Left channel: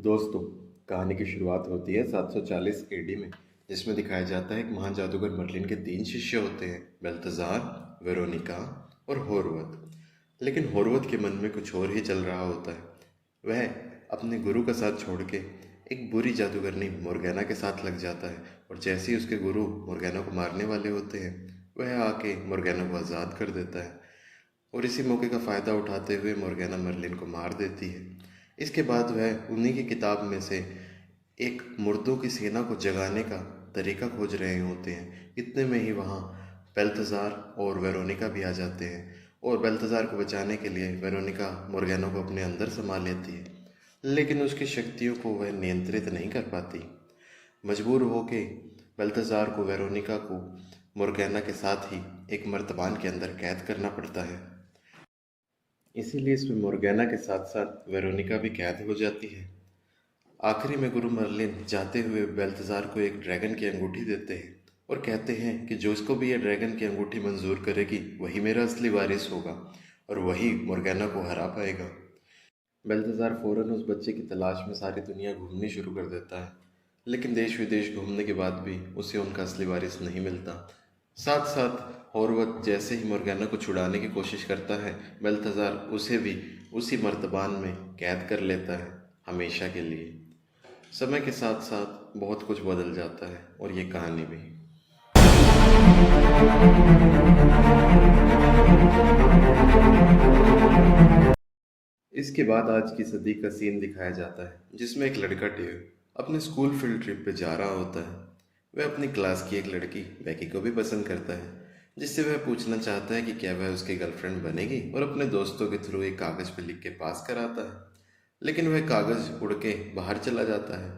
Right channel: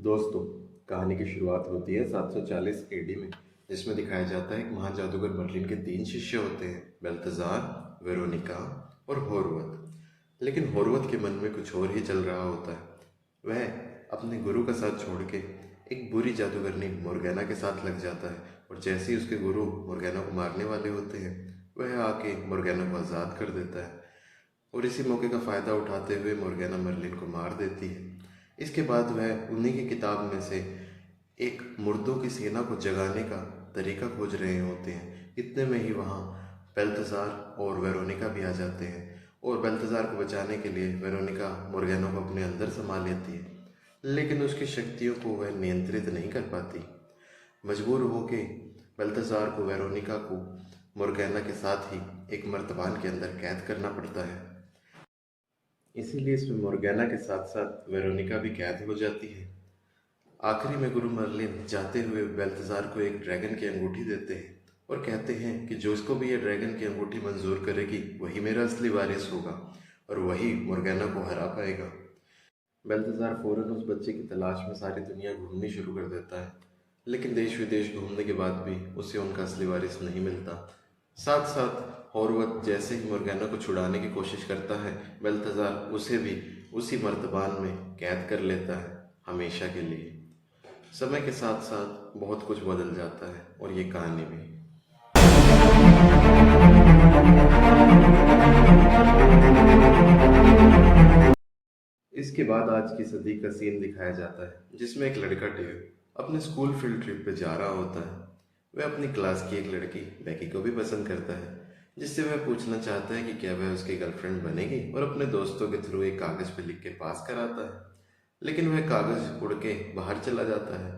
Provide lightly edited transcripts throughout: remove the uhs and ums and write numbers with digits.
दोस्तों, कहानी की शुरुआत होती है 740 एडी में, जिसमें दिखाया जाता है एक महान जादूगर मर्लिन के 3 शिष्य होते हैं, बेल्तजार, वेरोनिका और होर्वत। लेकिन होर्वत के मन में कुछ और ही चल रहा होता है। वह अपने गुरु का साथ छोड़ के एक बुरी जादूगरनी मोर्गेना के साथ लग जाता है, और जैसे ही उसके गुरु मोर्गेना को मारने वाले होते हैं, वह आके मोर्गेना को आज़ाद कर देता है। और इसी मौके का फ़ायदा उठाते हुए मोर्गेना मर्लिन को मार देती है। इसके बाद वह उन्हीं की किताब में से एक मुर्दों की सेना को जगाने का तरीका खोज रहे होते हैं। इतने में ही वहाँ बेल्तज़ार और वेरोनिका भी आ जाते हैं, और बेल्तज़ार को बचाने के लिए वेरोनिका मोर्गेना को अपने अंदर समा लेती है, लेकिन उसकी शक्तियों को वह नियंत्रित नहीं कर पाती। मजबूर होके बेल्तज़ार को वेरोनिका को मोर्गेना के साथ ही एक मर्तबान के अंदर कैद करना पड़ता है। इसीलिए इसमें मोर्गेना के साथ साथ वेरोनिका भी कैद हो जाती है। आखिरी में गुरु मर्लिन जाते हुए बेल्तज़ार को एक ड्रैगन की अंगूठी देते हैं और कहते हैं कि जो इसको भी ये ड्रैगन की अंगूठी मंजूर करेगी वही मेरा असली वारिस होगा और वही मोर्गेना को हरा पाएगा। बेल्तज़ार फौरन उस बच्चे की तलाश में सारी दुनिया घूमनी शुरू कर देता है, लेकिन देश विदेश घूमने के बाद भी उसे उनका असली वारिस नहीं मिलता। साथ साथ होर्वत जैसे ही मोर्गेना को छुड़ाने की कोशिश करता है, बेल्तज़ार उसे भी उसी मर्तबान में कैद कर लेता है, हमेशा के लिए। समय के साथ साथ बहुत कुछ बदल जाता है, और ये कहानी भी। इसके बाद आज की सदी का सीन दिखाया जाता है, जिसमें एक लड़का डेव अपने स्कूल फील्ड ट्रिप पे जा रहा होता है। वह अपनी क्लास की एक लड़की बैकी को भी पसंद करता है, जिससे वह पूछना चाहता है कि क्या वह उसकी गर्लफ्रेंड बनेगी, और अपने दोस्तों के थ्रू एक कागज़ पे लिख के पास कराता है। लेकिन वह कागज़ उड़ के बाहर चला जाता है,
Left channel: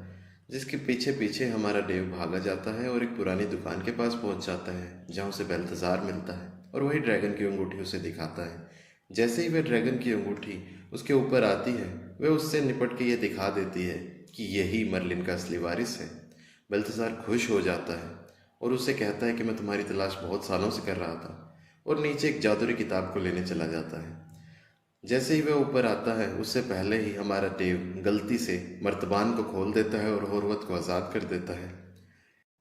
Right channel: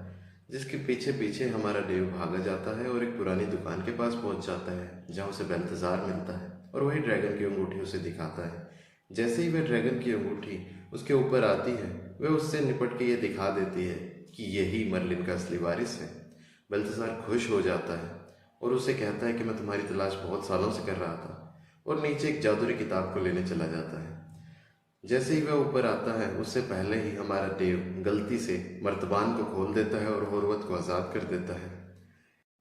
जिसके पीछे पीछे हमारा डेव भागा जाता है और एक पुरानी दुकान के पास पहुंच जाता है, जहां उसे बेल्तज़ार मिलता है और वही ड्रैगन की अंगूठी उसे दिखाता है। जैसे ही वह ड्रैगन की अंगूठी उसके ऊपर आती है, वह उससे निपट के ये दिखा देती है कि यही मर्लिन का असली वारिस है। बेल्तज़ार खुश हो जाता है और उससे कहता है कि मैं तुम्हारी तलाश बहुत सालों से कर रहा था, और नीचे एक जादुई किताब को लेने चला जाता है। जैसे ही वह ऊपर आता है, उससे पहले ही हमारा देव गलती से मर्तबान को खोल देता है और होर्वत को आज़ाद कर देता है।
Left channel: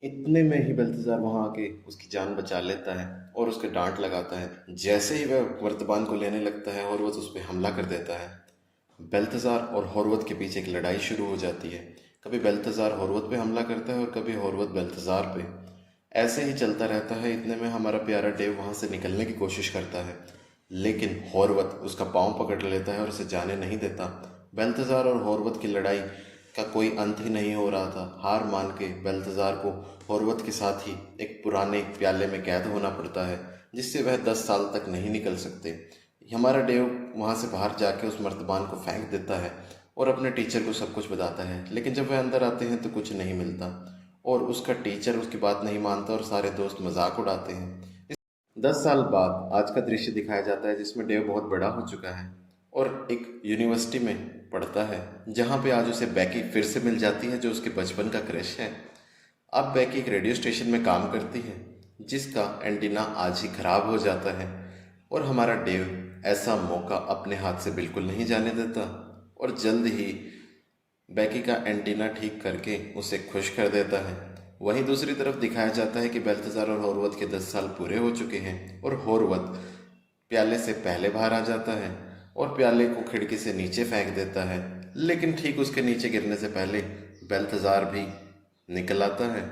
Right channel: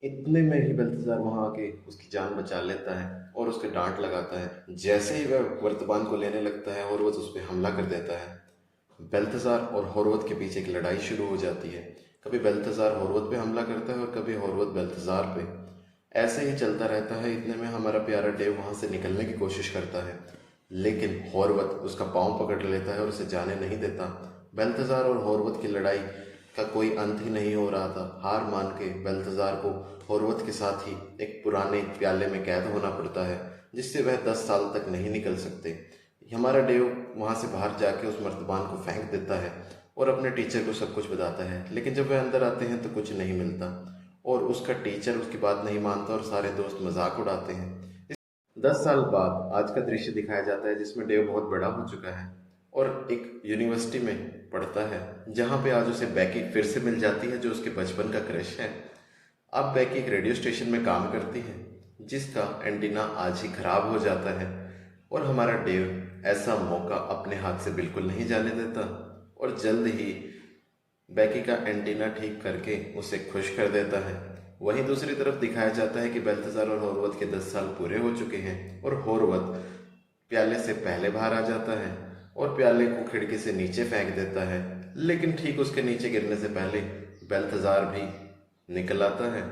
इतने में ही बेल्तज़ार वहाँ आके उसकी जान बचा लेता है और उसके डांट लगाता है। जैसे ही वह मर्तबान को लेने लगता है, होर्वत उस पर हमला कर देता है। बेल्तज़ार और होर्वत के बीच एक लड़ाई शुरू हो जाती है। कभी बेल्तज़ार होर्वत पे हमला करता है और कभी होर्वत बेल्तज़ार पे। ऐसे ही चलता रहता है। इतने में हमारा प्यारा डेव वहाँ से निकलने की कोशिश करता है, लेकिन होर्वत उसका पाँव पकड़ लेता है और उसे जाने नहीं देता। बेल्तज़ार और होर्वत की लड़ाई का कोई अंत ही नहीं हो रहा था। हार मान के बेल्तज़ार को होर्वत के साथ ही एक पुराने प्याले में कैद होना पड़ता है, जिससे वह 10 साल तक नहीं निकल सकते। हमारा डेव वहाँ से बाहर जाके उस मर्तबान को फेंक देता है और अपने टीचर को सब कुछ बताता है, लेकिन जब वह अंदर आते हैं तो कुछ नहीं मिलता, और उसका टीचर उसकी बात नहीं मानता और सारे दोस्त मजाक उड़ाते हैं। 10 साल बाद आज का दृश्य दिखाया जाता है, जिसमें डेव बहुत बड़ा हो चुका है और एक यूनिवर्सिटी में पढ़ता है, जहाँ पे आज उसे बैकी फिर से मिल जाती है, जो उसके बचपन का क्रश है। अब बैकी एक रेडियो स्टेशन में काम करती है, जिसका एंटीना आज ही खराब हो जाता है, और हमारा डेव ऐसा मौका अपने हाथ से बिल्कुल नहीं जाने देता, और जल्द ही बैकी का एंटीना ठीक करके उसे खुश कर देता है। वहीं दूसरी तरफ दिखाया जाता है कि बेल्तज़ार और होर्वत के 10 साल पूरे हो चुके हैं, और होर्वत प्याले से पहले बाहर आ जाता है और प्याले को खिड़की से नीचे फेंक देता है, लेकिन ठीक उसके नीचे गिरने से पहले बेल्तज़ार भी निकल आता है।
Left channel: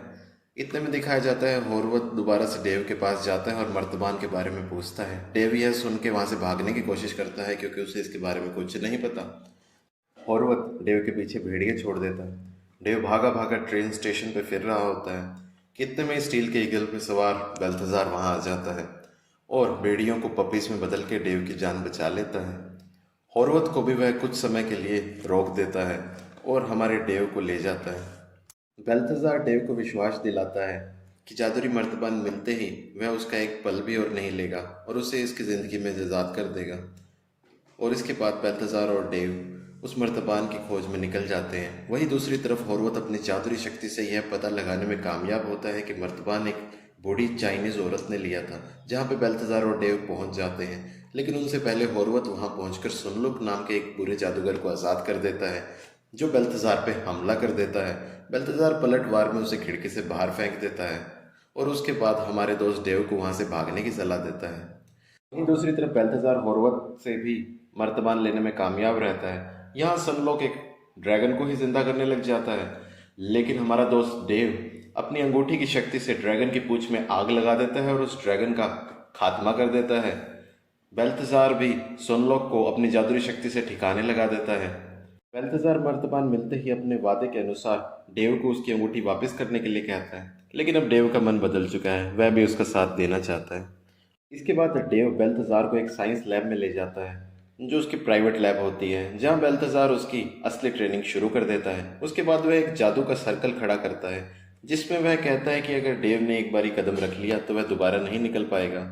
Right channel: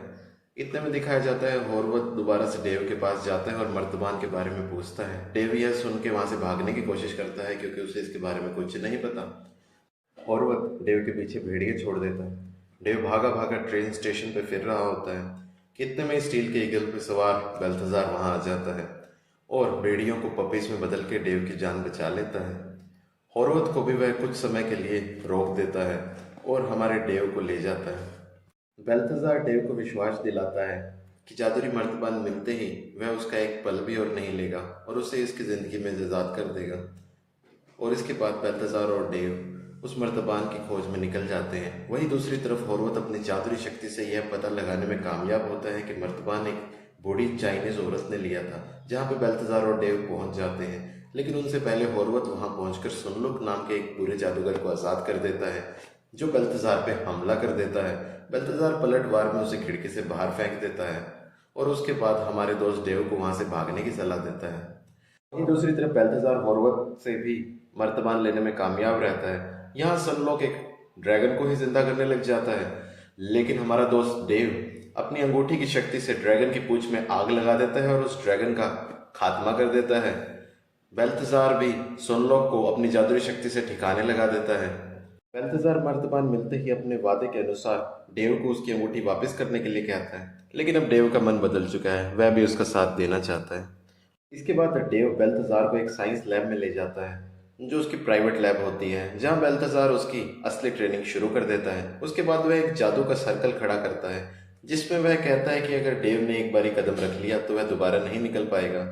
इतने में दिखाया जाता है होर्वत दोबारा से डेव के पास जाता है और मर्तबान के बारे में पूछता है। डेव यह सुन के वहाँ से भागने की कोशिश करता है, क्योंकि उसे इसके बारे में कुछ नहीं पता। होर्वत डेव के पीछे भेड़िए छोड़ देता है। डेव भागा भागा ट्रेन स्टेशन पे फिर रहा होता है। कितने में स्टील के ईगल पे सवार बेल्तज़ार वहाँ आ जाता है और भेड़ियों को पपीज में बदल के डेव की जान बचा लेता है। होर्वत को भी वह कुछ समय के लिए रोक देता है और हमारे डेव को ले जाता है। बेल्तज़ार डेव को विश्वास दिलाता है कि जादुई मर्तबान मिलते ही वह उसका एक पल भी और नहीं लेगा और उसे इसकी ज़िंदगी में आज़ाद कर देगा। और इसके बाद बेल्तज़ार और डेव उस मर्तबान की खोज में निकल जाते हैं। वहीं दूसरी तरफ होर्वत अपनी जादुई शक्ति से यह पता लगाने में कामयाब होता है कि मर्तबान एक बूढ़ी चाइनीज़ औरत ने लिया था, जहाँ पे बेल्तज़ार और डेव पहुँच जाते हैं। लेकिन उनसे पहले होर्वत वहाँ पहुँचकर सुनलुक नाम के एक बुरे जादूगर को आज़ाद कर देता है, जो बेल्तजार पे हमला कर देता है। बेल्तजार पलटवार में उसे खिड़की से बाहर फेंक देता है और उसके बाद हमारे दोस्त डेव को वहां से भागने की सलाह देता है। वहीं दूसरी तरफ बेल्तजार होर्वत से भी मर्तबान लेने में कामयाब रहता है। यहाँ सनलॉक एक ड्रैगन को ही जिंदा करने लग जाता है, लेकिन हमारा दोस्त डेव अपनी अंगूठी की शक्ति से ड्रैगन की पूंछ में आग लगा देता है और उस ड्रैगन का खात्मा कर देता है। बेल्तजार भी सनलॉक को अपनी जादुई शक्ति से ठिकाने लगा देता है। बेल्तजार मर्तबान मिलते ही अपने वादे के अनुसार डेव को उसकी अंगूठी वापस करने के लिए कहता है, लेकिन अब डेव का मन बदल चुका है, वह भी उसका साथ देना चाहता है। इसके बाद डेव बेल्तजार को एक साइंस लैब में ले जाता है, जो उसकी प्राइवेट लैब होती है, जहां बेल्तजार उसकी असली ट्रेनिंग शुरू कर देता है। उसके बाद वह एक जादू का सर्कल खड़ा करता है, जिसमें वह कहता है कि अगर डेव ने एक बारी कदम रख लिया तो वह दोबारा नहीं निकल पाएगा।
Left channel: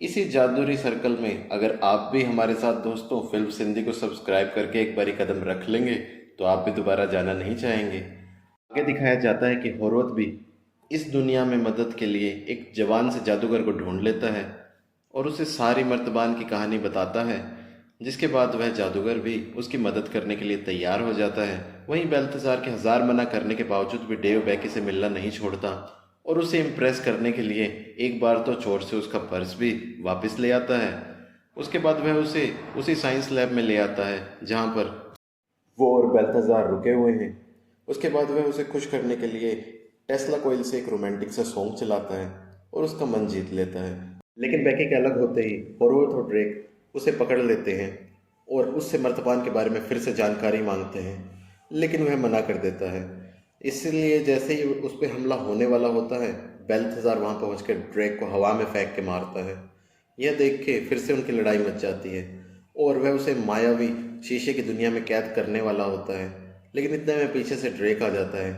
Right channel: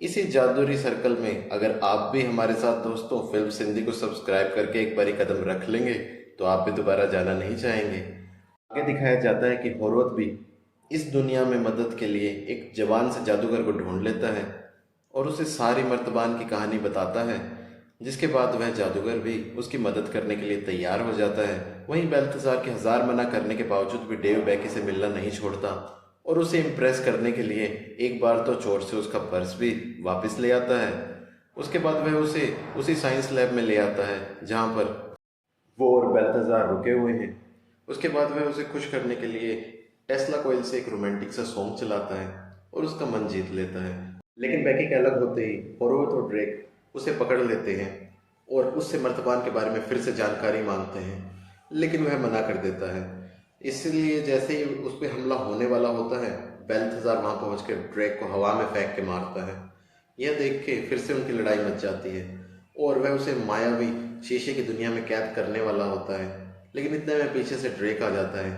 इसी जादुई सर्कल में अगर आप भी हमारे साथ दोस्तों फिल्म सिंधी को सब्सक्राइब करके एक बारी कदम रख लेंगे तो आप भी दोबारा जाना नहीं चाहेंगे। आगे दिखाया जाता है कि होर्वत भी इस दुनिया में मदद के लिए एक जवान से जादूगर को ढूंढ लेता है और उसे सारी मर्तबान की कहानी बताता है, जिसके बाद वह जादूगर भी उसकी मदद करने के लिए तैयार हो जाता है। वहीं बेल्तजार के हजार मना करने के बावजूद भी डेव बैकी से मिलना नहीं छोड़ता और उसे इम्प्रेस करने के लिए एक बार तो चोर से उसका पर्स भी वापस ले आता है। उसके बाद वह उसे उसी साइंस लैब में ले आता है जहाँ पर वो और बेल्तजार रुके हुए हैं। उसके बाद वह उसे खुश करने के लिए टेस्ला कोयल से एक रोमांटिक सा सॉन्ग चलाता है और उसका मन जीत लेता है। लेकिन बैकी के अलग होते ही होर्वत और ड्रेक उसे पकड़ लेते हैं और उससे मर्तबान के बारे में फिर से जानकारी मांगते हैं, लेकिन वह मना कर देता है। इसलिए जैसे ही उस पर हमला होने वाला होता है, बेल्तजार वहां पहुंचकर ड्रेक को हवा में फेंक के मारता है। यह देख के फिर से उनकी लड़ाई मच जाती है और वह उसे मायावी शीशे की दुनिया में कैद करने वाला होता है, लेकिन इतने में पीछे से ड्रेक आ जाता है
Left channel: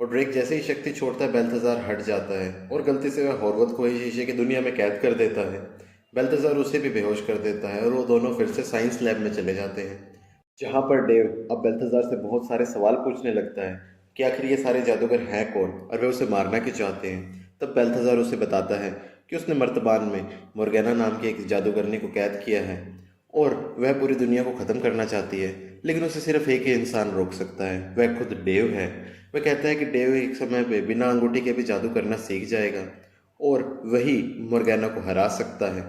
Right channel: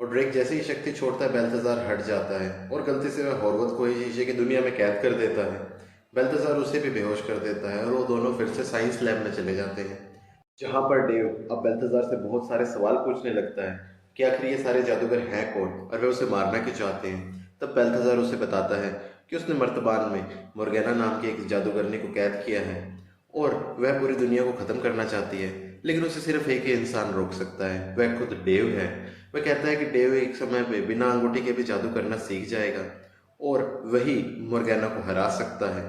और ड्रेक जैसे ही शक्ति छोड़ता है बेल्तजार हट जाता है और गलती से वह होर्वत को ही शीशे की दुनिया में कैद कर देता है। बेल्तजार उसे भी बेहोश कर देता है और वो दोनों फिर से साइंस लैब में चले जाते हैं, जहाँ पर डेव अब बेल्तजार से बहुत सारे सवाल पूछने लगता है कि आखिर ये सारे जादूगर हैं कौन और वे उसे मारना क्यों चाहते हैं। तब बेल्तजार उसे बताता है कि उसने मर्तबान में मोर्गेना नाम की एक जादूगरनी को कैद किया है और वह पूरी दुनिया को ख़त्म करना चाहती है, लेकिन उसे सिर्फ एक ही इंसान रोक सकता है, वह खुद डेव है। वह कहता है कि डेव एक समय पे बिना अंगूठी के भी जादू करना सीख जाएगा और वही मोर्गेना को हरा सकता है।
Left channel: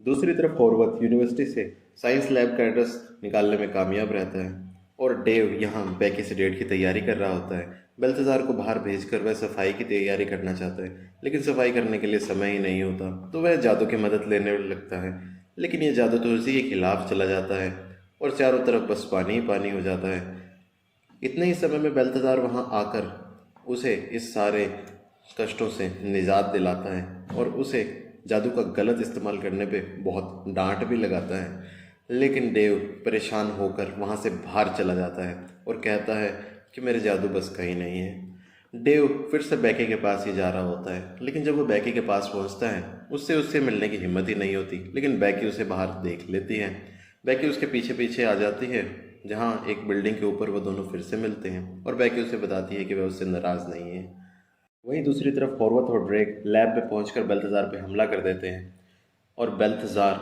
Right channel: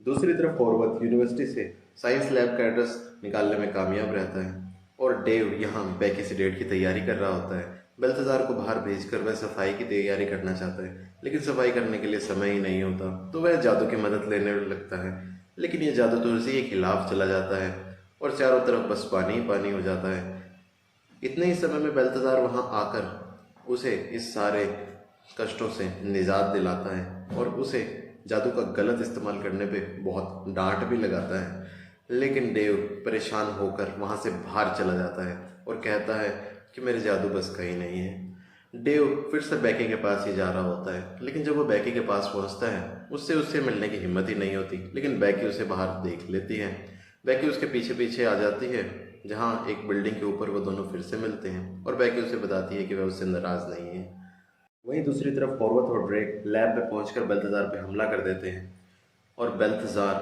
दूसरी तरफ होर्वत यूनिवर्सिटी से साइंस लैब का एड्रेस निकालने में कामयाब रहता है और डेव यहाँ बैकी से डेट की तैयारी कर रहा होता है। बेल्तजार को बाहर भेजकर वह सफाई की तैयारी करना चाहता है, लेकिन सफाई करने के लिए समय ही नहीं होता, तो वह जादू की मदद लेने लगता है, लेकिन यह जादू तो उसी के खिलाफ चला जाता है और चारों तरफ बस पानी ही पानी हो जाता है। इतने ही समय में बेल्तजार वहाँ आकर उसे इस सारे कष्टों से निजात दिलाता है और उसे जादू का गलत इस्तेमाल करने पे बहुत डांट भी लगाता है, लेकिन डेव परेशान होकर वहाँ से बाहर चला जाता है और कहता है कि मेरे जादू बस का ही नहीं है। डेव फिर से बैकी के पास ही जा रहा होता है, लेकिन जब वो बैकी के पास पहुँचता है उससे मिलने की हिम्मत ही नहीं होती, लेकिन बैकी उसे बाहर देख लेती है। बैकी उसके पीछे पीछे आ जाती है, जहाँ एक बिल्डिंग के ऊपर वो दोनों फिर से मिलते हैं और बैकी उसे बताती है कि वह उससे नाराज़ नहीं है। वहीं दूसरी तरफ होर्वत और ड्रेक लैब में पहुंचकर बेल्तजार पे हमला कर देते हैं और बेल्तजार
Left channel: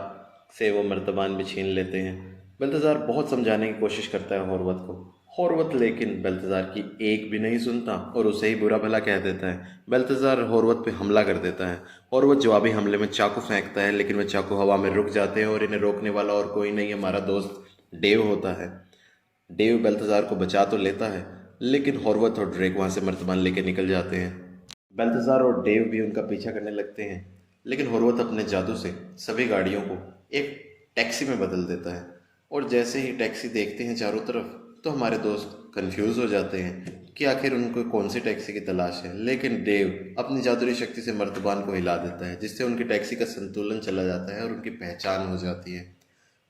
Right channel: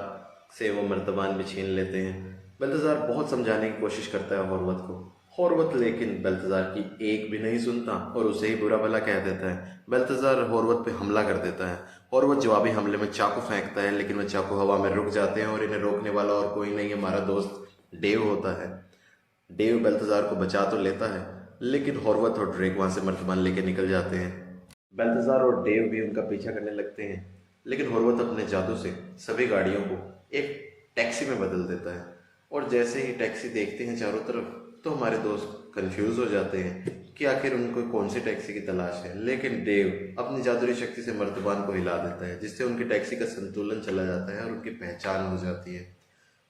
से वो मर्तबान भी छीन लेते हैं। बेल्तजार बहुत समझाने की कोशिश करता है होर्वत को, होर्वत लेकिन बेल्तजार की एक भी नहीं सुनता और उसे ही बुरा भला कह देता है। बेल्तजार होर्वत पे हमला कर देता है। होर्वत जवाबी हमले में चाकू फेंकता है, लेकिन वह चाकू हवा में रुक जाते हैं और इन्हें रोकने वाला और कोई नहीं, हमारा दोस्त डेव होता है। डेव बेल्तजार को बचा तो लेता है, लेकिन होर्वत और ड्रेक वहाँ से मर्तबान लेके निकल जाते हैं। बेल्तजार और डेव भी उनका पीछा करने लगते हैं, लेकिन होर्वत अपने जादू से सभी गाड़ियों को एक टैक्सी में बदल देता है और जैसे ही टैक्सी देखते हैं चारों तरफ, तो हमारे दोस्त कंफ्यूज हो जाते हैं कि आखिर उनको कौन सी टैक्सी की तलाश है। लेकिन डेव अपनी जादुई शक्ति से मर्तबान को हिला देता है, जिससे उनकी टैक्सी का संतुलन चला जाता है और उनकी पहचान हो जाती है।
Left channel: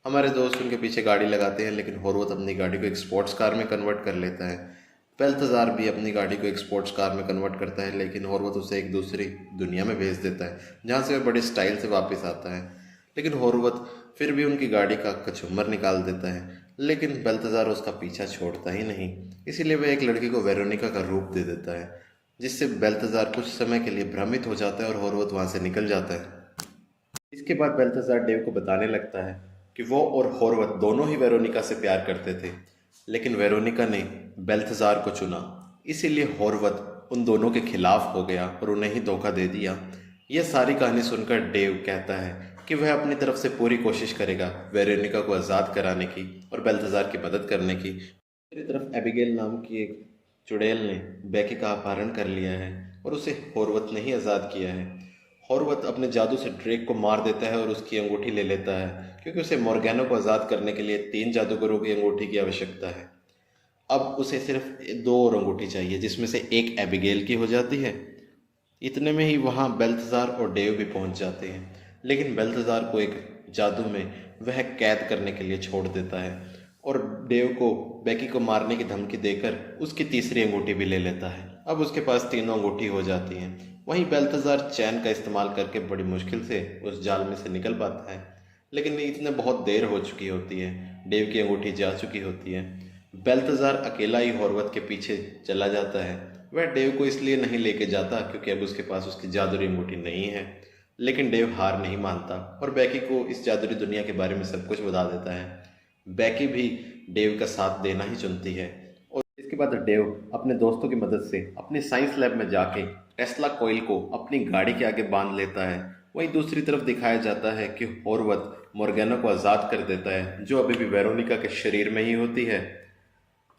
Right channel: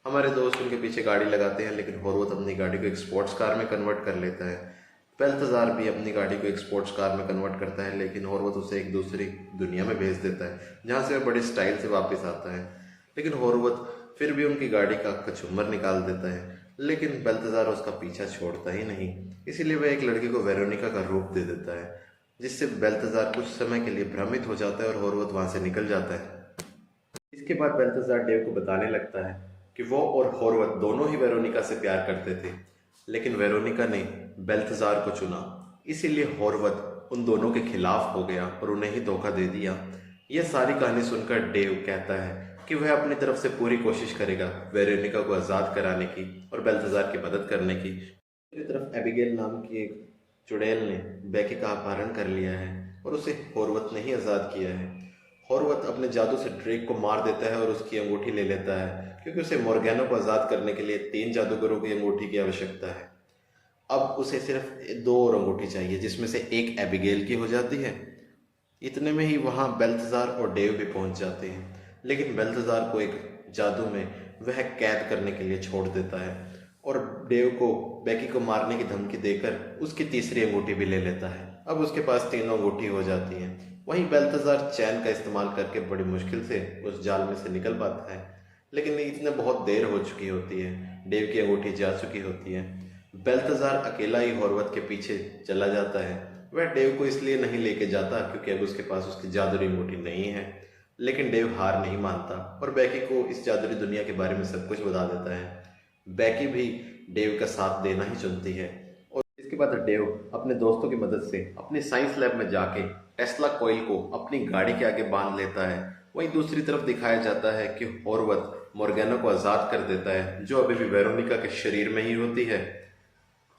हमारे दोस्त उनके पीछे गाड़ी लगाते हैं, लेकिन होर्वत अपनी गाड़ी को एक स्पोर्ट्स कार में कन्वर्ट कर लेता है। बेल्तजार भी अपनी गाड़ी को एक स्पोर्ट्स कार में कन्वर्ट करता है, लेकिन होर्वत उसे एक दूसरी दुनिया में भेज देता है, जहाँ से वह बड़े स्टाइल से वापस आता है। लेकिन होर्वत फिर भी उनकी गाड़ी का कचूमर निकाल देता है, लेकिन बेल्तजार उसका पीछा छोड़ता ही नहीं। इसीलिए वह एक लड़की को वेरोनिका का रूप दे देता है, जिससे बेल्तजार कुछ समय के लिए भ्रमित हो जाता है और होर्वत वहाँ से निकल जाता है। इसके बाद बेल्तजार डेव को बताने लगता है कि वो और होर्वत दोनों ही वेरोनिका से प्यार करते थे, लेकिन वेरोनिका ने बेल्थजार को चुना, इसीलिए होर्वत उन दोनों के खिलाफ हो गया और उन्हें ही धोखा दे दिया। यह सारी कहानी सुनकर डेव कहता है कि वह अपनी तरफ से पूरी कोशिश करेगा वेरोनिका को आज़ाद कराने की और बेल्थजार की मदद करने की। दूसरी तरफ एबिगेल नाम की एक चुड़ैल ने बेकी का अपहरण कर लिया है और उसे होर्वत ने ही आज़ाद किया है। होर्वत अपने जादू से ड्रेक को मार देता है और उसकी अंगूठी ले लेता है, क्योंकि उसे मोर्गैनो को आज़ाद करने के लिए 3 जादूगरों की अंगूठी की आवश्यकता है। अब उसे सिर्फ 2 और अंगूठी चाहिए, जिसमें से एक एबिगेल की हो जाती है। इतने में ही वहाँ बेल्थजार और डेव भी पहुँच जाते हैं, लेकिन बेल्थजार को एक जादू में वह कैद करने के लिए छोड़ देता है और डेव को बेकी को मारने की धमकी देकर उसकी तीसरी अंगूठी भी ले लेता है। अब उसके पास 3 अंगूठी हो जाती हैं। वहीं बेल्थजार चैन का इस्तेमाल करके बड़ी मुश्किल से उस जाल में से निकल पाता है, लेकिन इतने बहुत देर हो चुकी होती है, डेव की अंगूठी जा चुकी होती है। बेल्थजार अकेला ही होर्वत के पीछे चला जाता है। वह डेव को इसलिए नहीं लेके जाता क्योंकि अब उसके पास उसकी जादुई अंगूठी नहीं है, लेकिन डेव हार नहीं मानता और बैकी को इस जादुई दुनिया के बारे में सब कुछ बता देता है। बैकी भी डेव का साथ देना ही चुनती है और इसके बाद डेव अपने दोस्तों की मदद से अपने साइंस लैब में जाके टेस्ला कॉइल को अपनी गाड़ी के आगे बांध लेता है। वहीं दूसरी तरफ दिखाया जाता है कि होर्वत मोर्गैनो को आज़ाद कर देता है, जो अभी भी वेरोनिका के शरीर में ही होती है।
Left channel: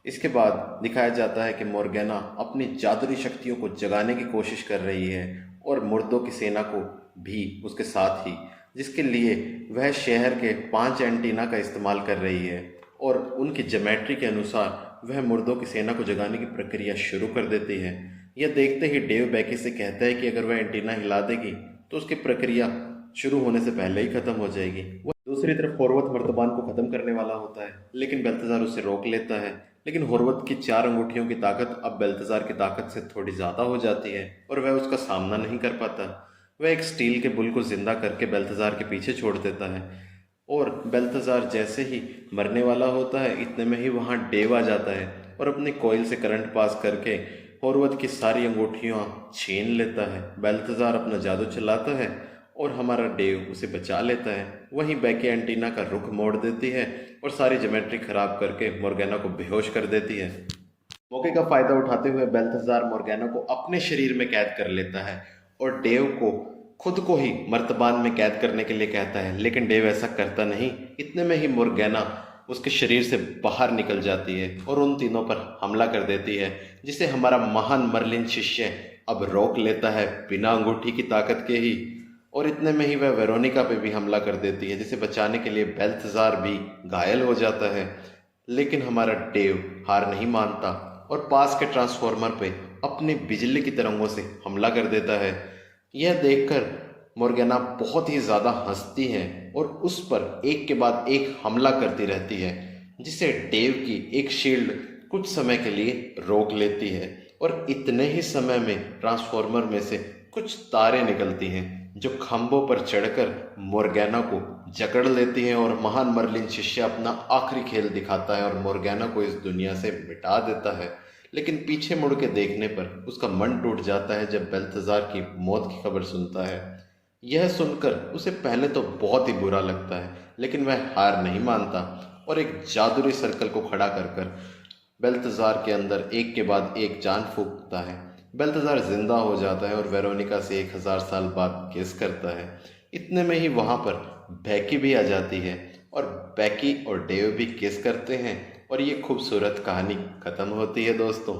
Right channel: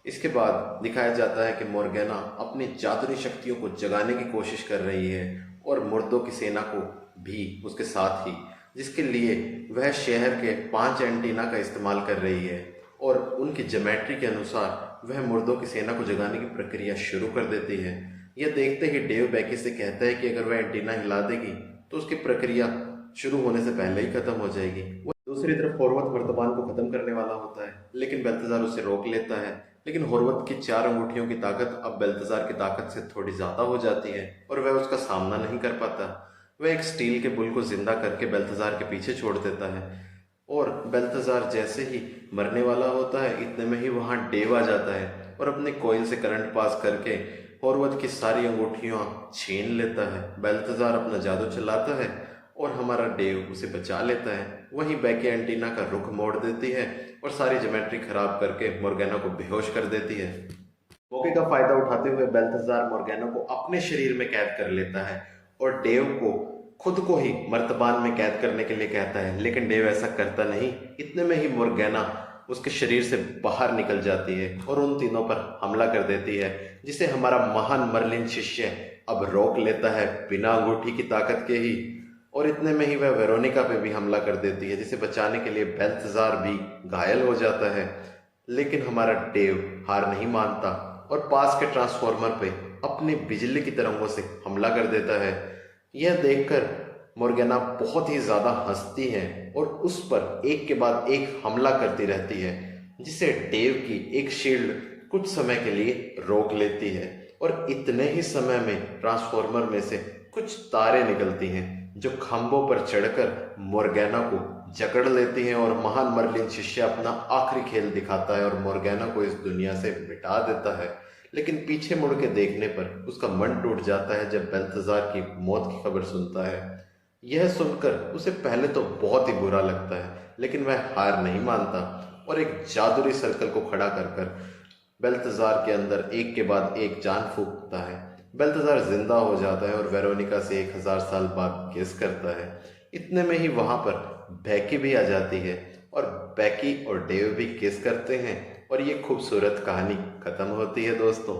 इसके बाद दिखाया जाता है कि मोर्गैना अपनी जादुई शक्तियों को जगाने की कोशिश कर रही है और मुर्दों की सेना को भी उसके साथ ही, जिसके लिए वह शहर के 5 एंटीना का इस्तेमाल कर रही है और उनकी ज्योमेट्री के अनुसार वह मुर्दों की सेना को जगाने की प्रक्रिया शुरू कर देती है। यह देखते ही डेव बैकी से कहता है कि अगर वह एंटीना हिला देगी तो उसकी प्रक्रिया शुरू होने से पहले ही खत्म हो जाएगी। वह दूसरी तरफ होर्वत वर्तमान को खत्म करने वाला होता है, लेकिन बेल्थजार उसे रोक लेता है। लेकिन होर्वत की 4 अंगूठियों की ताकत अब बेल्थजार की ताकत से थोड़ी ज़्यादा हो जाती है और वह उसका सामना नहीं कर पाता। वह एक स्टील के बुल को जिंदा करके बेल्थजार के पीछे छोड़ देता है और बेल्थजार जैसे ही मरने वाला होता है, इतने में ही वहाँ डेव आ जाता है और अपने कोयल से करंट पास करके होर्वत की सारी अंगूठियाँ छीन लेता है। बेल्थजार अपना जादू चलाता है और हमारा डेव उसे बचा लेता है। वहीं बैकी एंटीना का रुख मोड़ देती है और सारी ज्योमेट्री खराब करके मोर्गैना को बेहोश कर देती है। मौके का फायदा उठाते हुए बेल्थजार मोर्गैना को अपने शरीर में कैद कर लेता है और डेव को खुद को ही मर्तबान में कैद करने के लिए कहता है, लेकिन डेव ऐसा करता नहीं। इतने में ही मोर्गैना उसके शरीर से बाहर निकल जाती है और उन तीनों पर हमला कर देती है, जिसे हमारा महान मर्लिन शिष्य अब रोक लेता है बिना अंगूठी की ताकत के ही। और इतने में ही वह वेरोनिका पे भी हमला कर देती है, जिसे बचाने के लिए बेल्थजार भी घायल हो जाता है। लेकिन हमारा डेव हार नहीं मानता और पास के ट्रांसफॉर्मर पे अपनी बिजली की तरंगों से हमला कर देता है। यह देखकर मोर्गैना बहुत ही ज़्यादा हंसती है और उस पर एक के बाद एक हमला करती रहती है, जिसे डेव की एक शील्ड कुछ समय के लिए रोक लेती है और इतने ही समय में ट्रांसफॉर्मर में से कुछ तारें निकलती हैं जो खंभों पर चढ़कर मोर्गैना को जकड़ लेती हैं और महान मर्लिन शिष्य अपना आखिरी खेल दिखाता है और मोर्गैना को इस दुनिया से मिटा देता है। लेकिन पीछे मुड़ के देखने पर उसका मन टूट जाता है जब बेल्थजार की मौत की खबर सुनता है। यह सुनकर उसे पहले तो बहुत ही बुरा लगता है, लेकिन वह हार नहीं मानता और एक जादुई सर्कल को खड़ा कर कर बेल्थजार के अंदर एक के बाद एक जान फूंकता है। बेल्थजार जिंदा हो जाता है और वेरोनिका से 1000 साल बाद किस करता है। इतने में ही वहाँ पर बैकी भी आ जाती है और बैकी और डेव भी किस करते हैं और ये खूबसूरत कहानी खत्म होती है दोस्तों।